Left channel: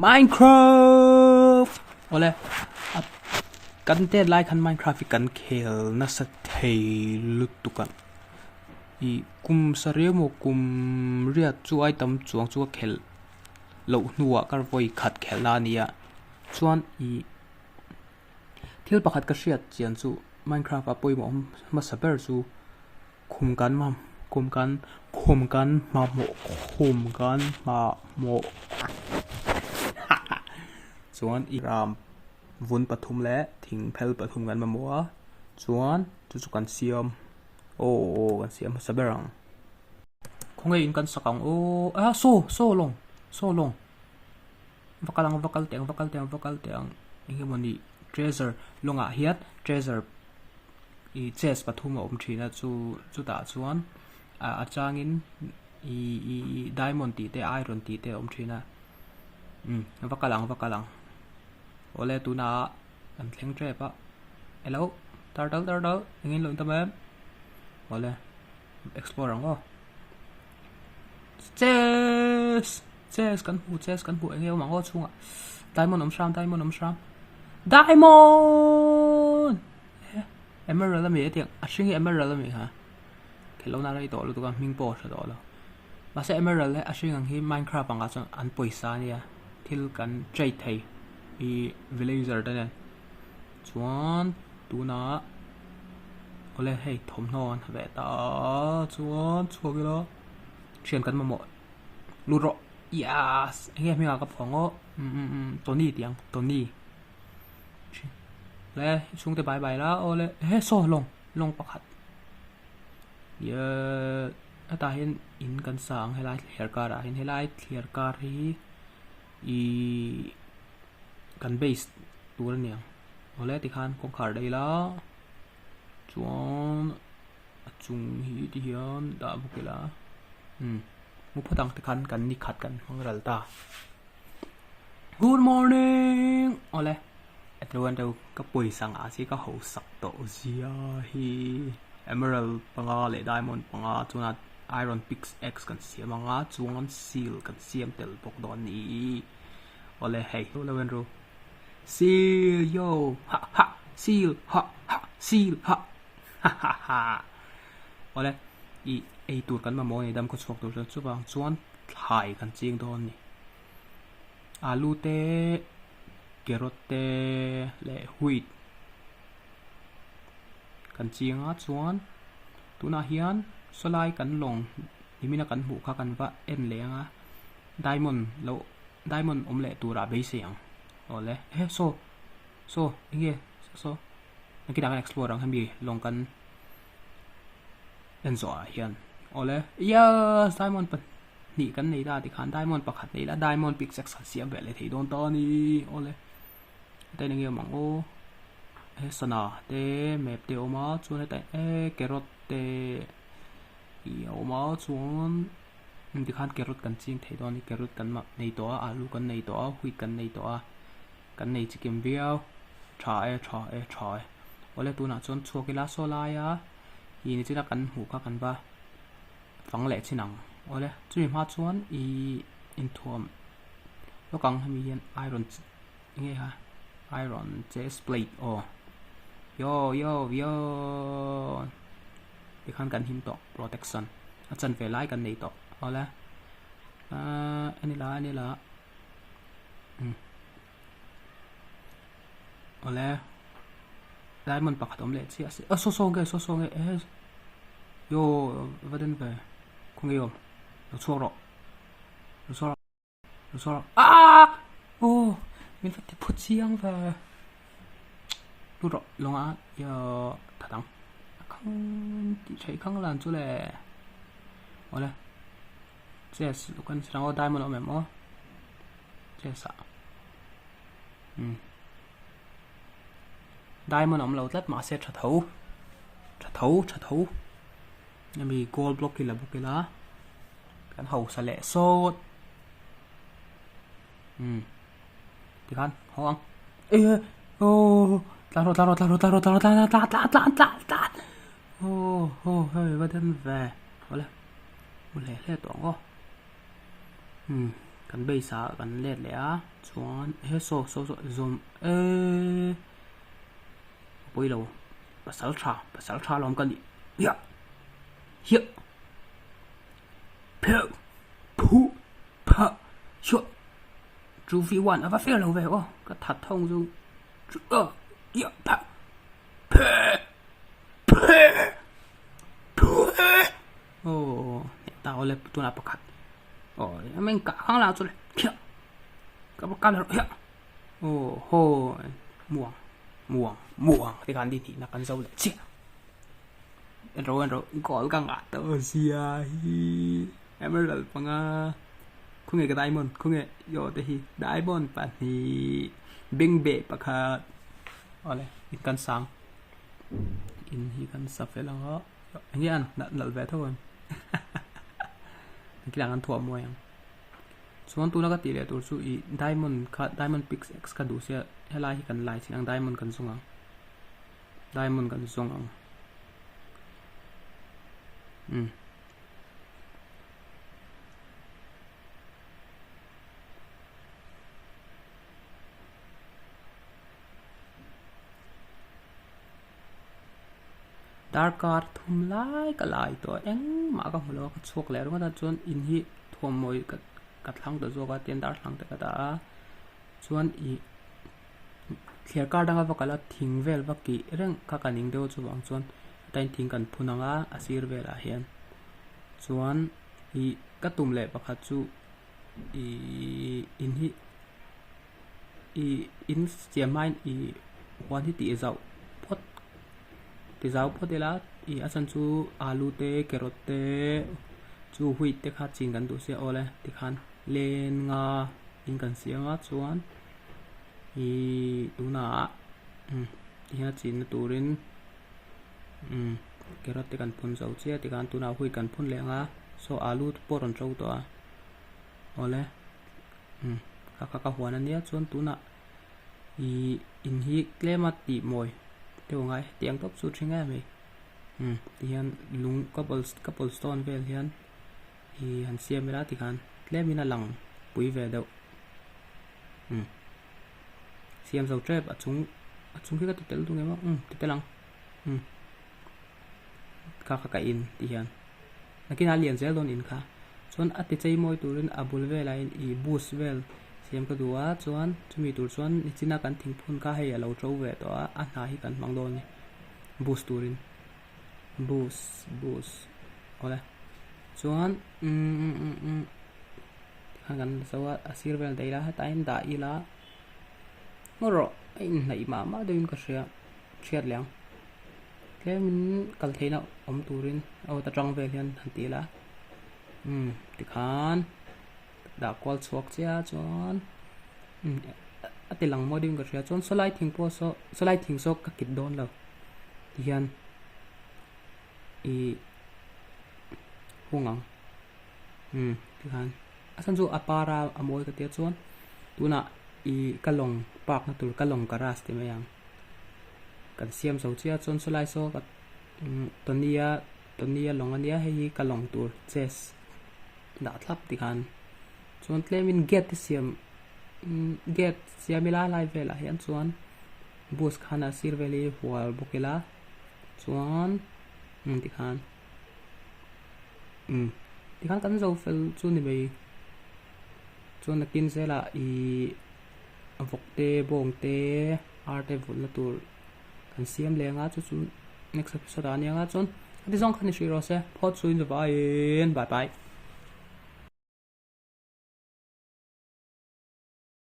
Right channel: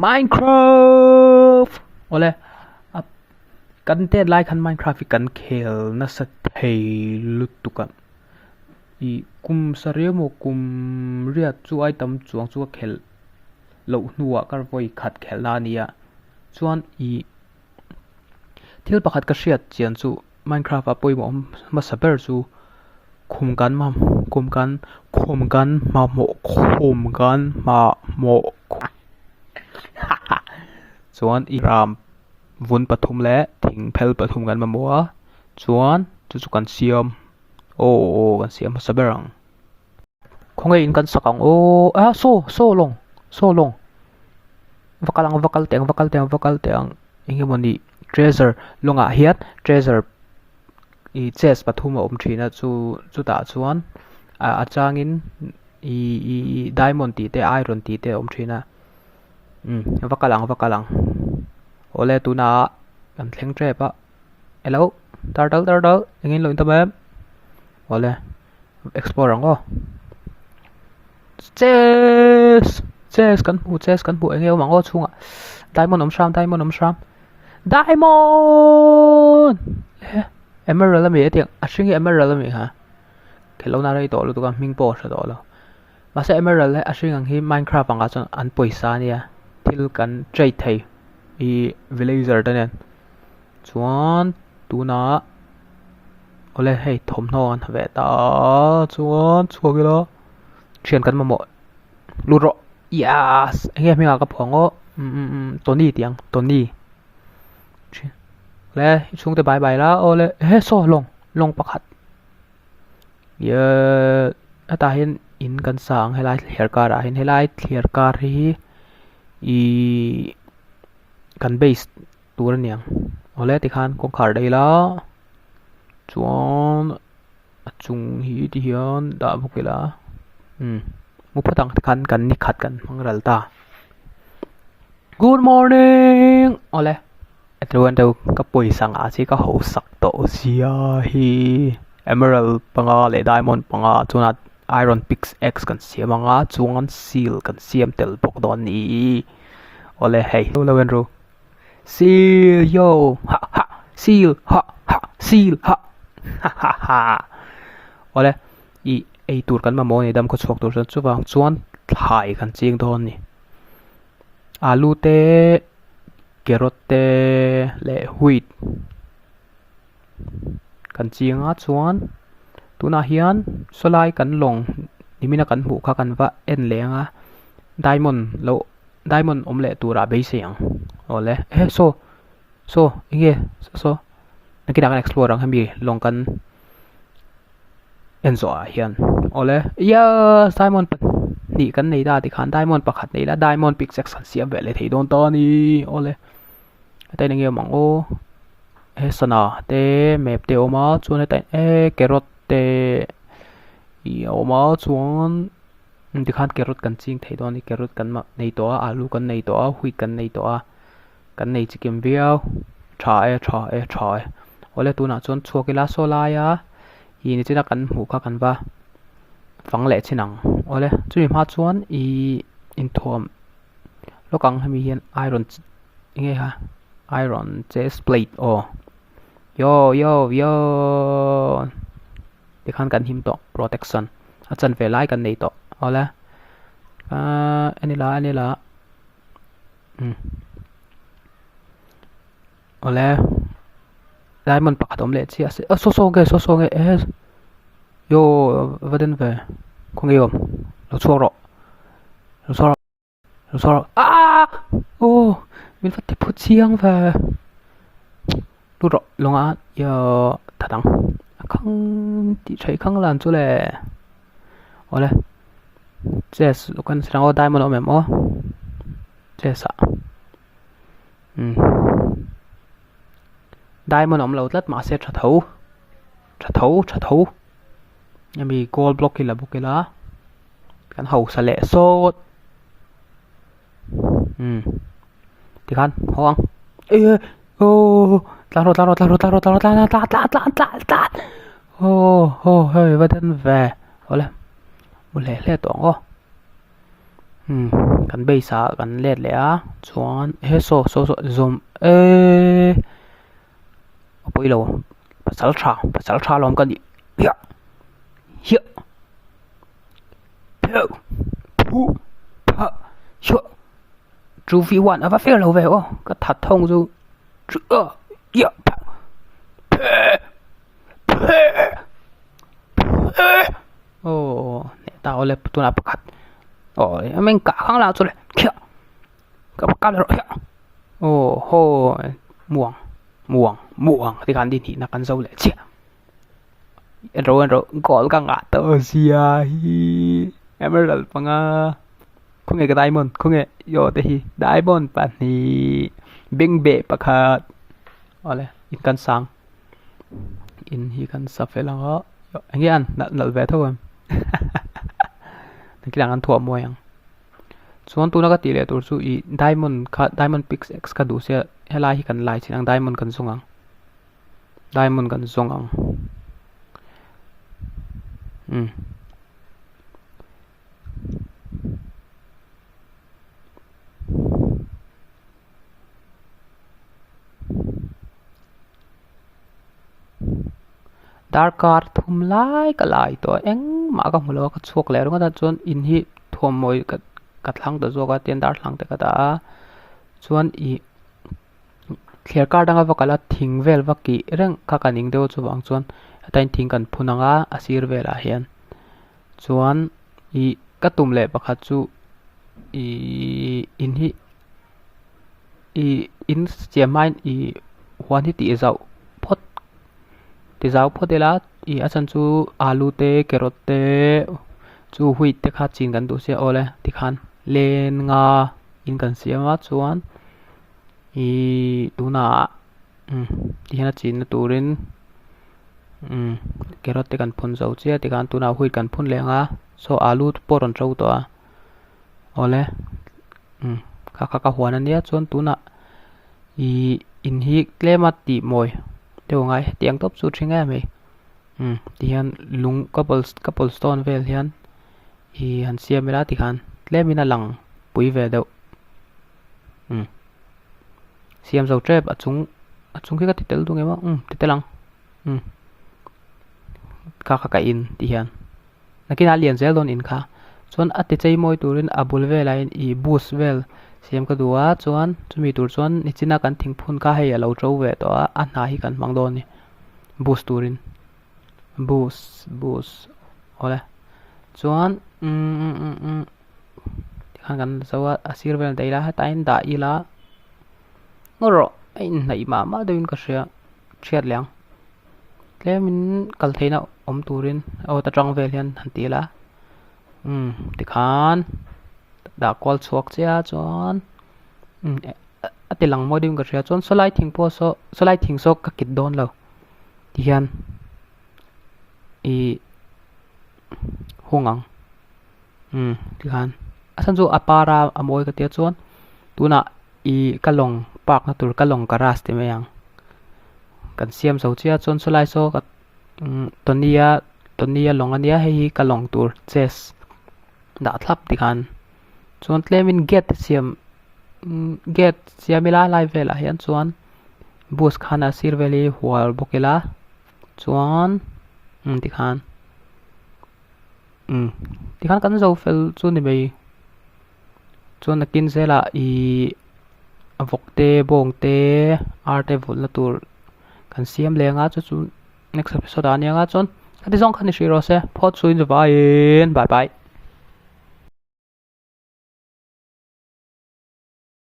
Minecraft ole ap kan te like han Minecraft kan khel na sa thei lutuka I kum saremo kum ria chu ai tam chuang chu khel lo nuwa kar voi khat khela nia chuan I thil pakhat ka hriat chian chu Minecraft a poimo ma saber chu khumkan ma mo khumkan ma mo chuan I ram vun pathum le thing phel pathum kan ma moa chuan chu kan siam kan siam saberang khongai in kan sakang so long vakal teng inge moni treasure longa hiat treasure I chest pathum om thina chu ta chuan a changin I diamond ti te iron ti te om thina vakalang ole tuna kan thleng tre pa hello turtle ingin lo intamem ole explore ngo chest kan pu engel mango chunga diamond om shram diamond emerald mi etiang ashingi emerald mi ha khelo na rai to lu to ka ming po sa to lo ma se emerald le ashing ang hi minecraft anga chon an poisa nia thil kan trei thei I villager ta nen chuan tuna ole hei thom non ve ta chuan chuagilo thian kan ma mo luro yes engem mi ka phongo toni tiang toni le chung te bye la ole he so long pakhat ye ata hin in kan sang helai thler kar a hin helai thler kar hi I kan base tur niang ole ti khan kong khar dei la chuan achung hi ti hian da bukela mu phatang kan ni khat kan mangral ta good morning ole atruan deu ka poi sang a chi ka ho sak to sia hi emerald panga le diamond panga chuna iron pickaxe kan siamanga chuan seal kan siam tel pok don ni ole hey lo wen ro seal yo ha seal ha seal ha ha ole I ei tur kan ma mo ni dam ko chok tur chu wang chuan thai kan ching don ni alu te carrot te le wheat kan chinga chuan tuna hian solai kan long nimina kan hu kha kan va en lenga diamond omle tura be siang ole so inge so nakina kan explore ang hami long kan enzo hian ole yes diamond ni kan nei da ti khan diamond pakhat nei la diamond pickaxe kan siam ve le thei don to ni ole tai nge mang o sana te map te oma chuan tai carrot te I oma chuan ti khan carrot kan ching thei don ni carrot kan ma nei to alu kan nei to wheat kan nei to kan nei chikem viau tha e ole tuna chuan chuakila solaya I ni china kan hu kha kan ba phang le chinang ole chui ma chuan I in thom lokang hami hian iron inge ha iron chest plate yo ti khan kan him to protection achan ve lai kan nei to ole ani la ole diamond pakhat om le chi ase so ge yo vaden ve khong yom lo choro min fat te phut chiang ve lu ro longa yo thadang khang ti thai khang lan chu le ole chess lo kan srang o diamond om em o chess a diamond om lo tlat ma se tha thau yami gold block ki la bukela kan hau sa le so ti kan hoang tla hey vaden ve ole mule le to ngo kan bei sa kan let le a chuan he so zoom poi lo pasal tha lom kan ni ya hi plo pu pa sho chu vi wan ava fel lo ve o ka that thong chu chu ya pa ô tao lên tôi làm cắt ôi mình cả kháng là rồi kia cả cắt rồi ô hô muang thì kan đi thì nó kan dâu lệ chia rồi gọi cái ngã tơ xia hi emerald panga không nghe cái diamond không nghe yo thì diamond bạn thì bing bể bạc hạt ôi in kan sang in hi kan sắp phải là ngó anh ăn nợ về thôi cái đang ăn thua mua yang chuan tu na ka ti le tur chu I diamond pix x ka du se helai hi kan lai chinang diamond kan zongang dark card thum lai ka lai to eng ma ka mulo ka chok le ro ka chuan in hi thom moi ka thlang to zo ka ten dar thlang te ka ta chuan I clear card anga vakala thing vel vaki reng ka kaning deu chuwang chuan atain thing kan phunanga asir vela hian chuan I ka tum le pakhat chu in hi in chiamain huan hi ti zau ti zau photela achan chu alu te carrot te chu hui te kha chin kan du se ole ti khan len nga in kan siama chuan tuna ti hana chin na turin carrot te kan phun zo che ti kan tuna hui kan phun lenga so alu poron trau to ole ka huan ania chuan tuna in hi klema ti moi teu ngai tiang top su thinga me ti hian lung couple stone vel hian han siamela ti khan tlemina lang pui ve deuh siam zo trep achung ki ka titel tu ngema titelang ka in ti hian nakina lian zel don in kha chuan ati chei moi turin abul velain boost vel siam ka duwa chuan chumi tur chuan ni china kan thingphun ka hei alo tro ve to a hna hi kan mang don ni boost turin boost ole chuan kan zawa asir vel deila ha tain da ila ngoro ein nei ma doin ka ria thiat liang tlemin kal theina om turin o ta tang vel hian han tila ti khan da kwal chuak chia chuan ati lang mo dim ka ria chuan solai thing so ka kit don lo ti hian hungang ti khan asan chu apara amoi ka tia chuan tuna kalong park na tur kalong karas te mayang kan siam zo chia chuan solai so ka tonia longania hei kalong tur chess da thlap ti khan chuan tlemin get siamila lai vela hian chuan bus khana sir veli hual bokela chuan ti khan kan zo fel chu ni mei chuan nakin zela avok te bong te arte vul na tur kan siam lenga chu next episode ania nga chuan ati zong khan ni shiro se phot chuin vai bye bye